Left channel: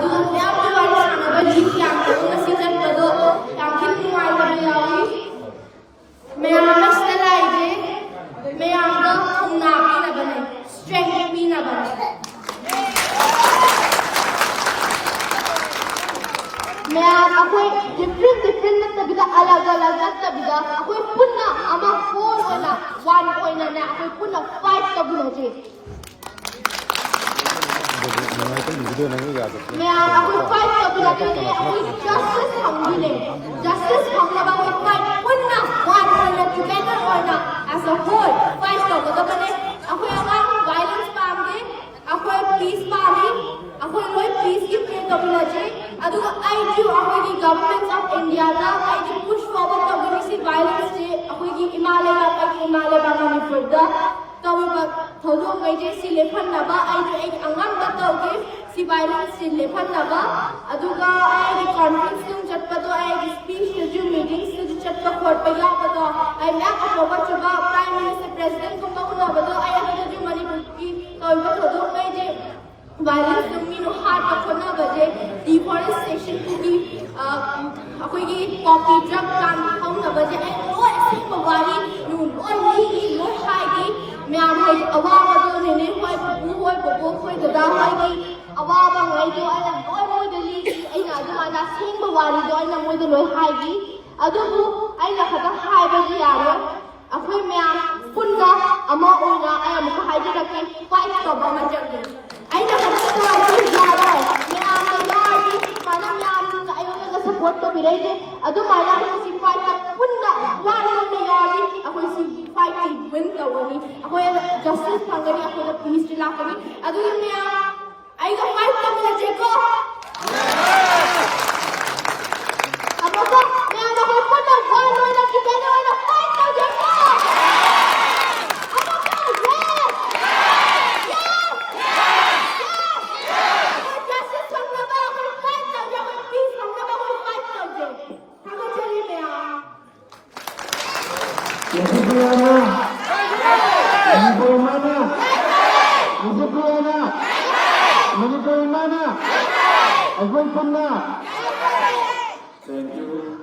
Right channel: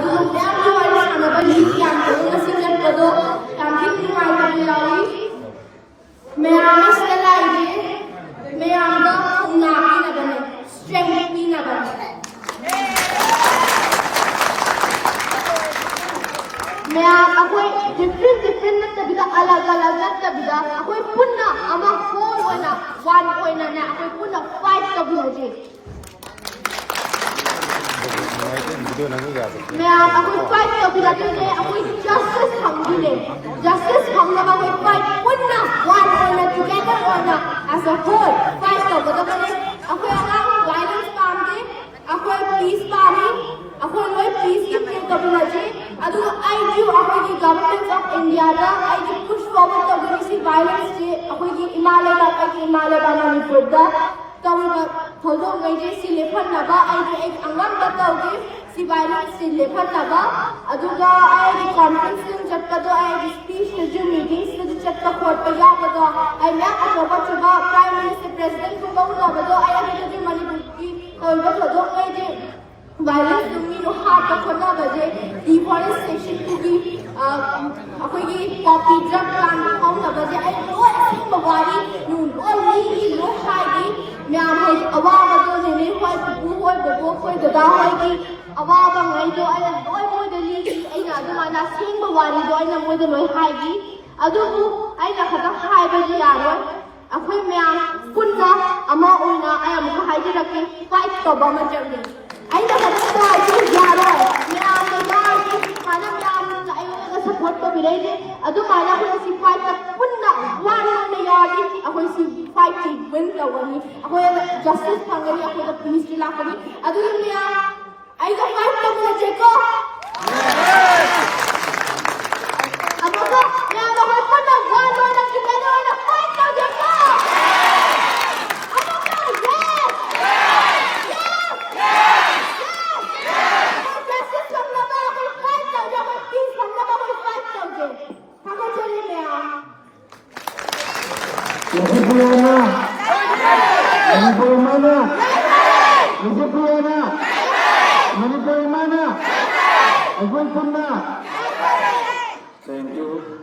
ꯑꯗꯨꯒ ꯃꯌꯥꯝꯒꯤ ꯋꯥꯔꯤ ꯁꯥꯟꯅꯕ ꯂꯤꯛ ꯌꯥꯝ ꯇꯧꯕ ꯉꯁꯤ ꯆꯠꯄꯗꯣ ꯌꯥꯝ ꯊꯤꯅ ꯅꯨꯡꯉꯥꯏꯇꯕ ꯌꯥꯎꯏ ꯃꯌꯥꯝ ꯑꯁꯤꯗ ꯂꯥꯛꯏꯁꯦ ꯃꯌꯥꯝꯗ ꯊꯧꯅꯥ ꯄꯤꯅꯕꯅꯦ ꯁ꯭ꯇꯔꯦꯡ ꯄꯤꯅꯕꯅꯦ ꯃꯌꯥꯝ ꯑꯩꯈꯣꯏ ꯗꯤꯐ꯭ꯔꯦꯟ ꯅꯠꯇꯕꯤꯗ ꯑꯂꯒ ꯅꯠꯇꯕꯤꯗ ꯑꯩꯈꯣꯏ ꯄꯨꯟꯅ ꯑꯃ ꯍꯣꯜ ꯑꯣꯏꯅ ꯋꯥꯟ ꯑꯣꯏꯅꯅꯦ ꯑꯩꯈꯣꯏ ꯄꯨꯟꯅ fight ꯇꯧꯃꯤꯟꯅꯁꯤ mẹ tôi fight cho cái gì này tôi justice thằng gì này justice thằng là bao fight quân nào one on together on as a whole fight cho cái đó này tôi ngang violence pam đi tôi peace pam đi tôi nói peace cái chuyện đó là gì adu I do tôi cái government of India da I do push forward to cái gì violence gì tôi cái Himalaya bana mi purda tôi mà thấu đâu cái gì xí lệ phân là ba I do cái angan bắt đầu cái si violence si lepan laba aduga ay di conference din chatpa do ay di speech to meetings to chatpa court pa ya pa do ay myak aproba chuba prime minister president ko ba una ba do ay ani di manipur ki ba to do mai je violence dum mi no hat pa khona ba je deforestation ki akoi ki copy drug kan hom na ba je ay no sing ba wari nu only lo hai ki myam hai awa ba do ne hoi bu hoi bo hoi da hoi ki awabang ay do ay oy mo dali ay na do na sing mawari do na mo do loy hai gi adu ay na khata hai ba ji yaro akhoi myam punna ama oina ay am ko hai gi rakhi fight to ba ma jang ay na khata hai gi yaro myam na gi mana myam ka ay na support to bi re adu mana ko si fight ta punna one na yari akhoi si fight ti win to wani akhoi justice phangari akhoi da peace la kari adu myam I go fight to the Jeko. Apa ko? Yang ako pun na one more na together na fight to Jeko. Apa ko? Yes. Yes. Yes. Justice from the back of fight to Jeko. Peace from the back of fight to Jeko. Kamu cari me ya. Eikhoi Amata. Eikhoi Amata. Eikhoi Amata. Eikhoi Punduna. Thank you.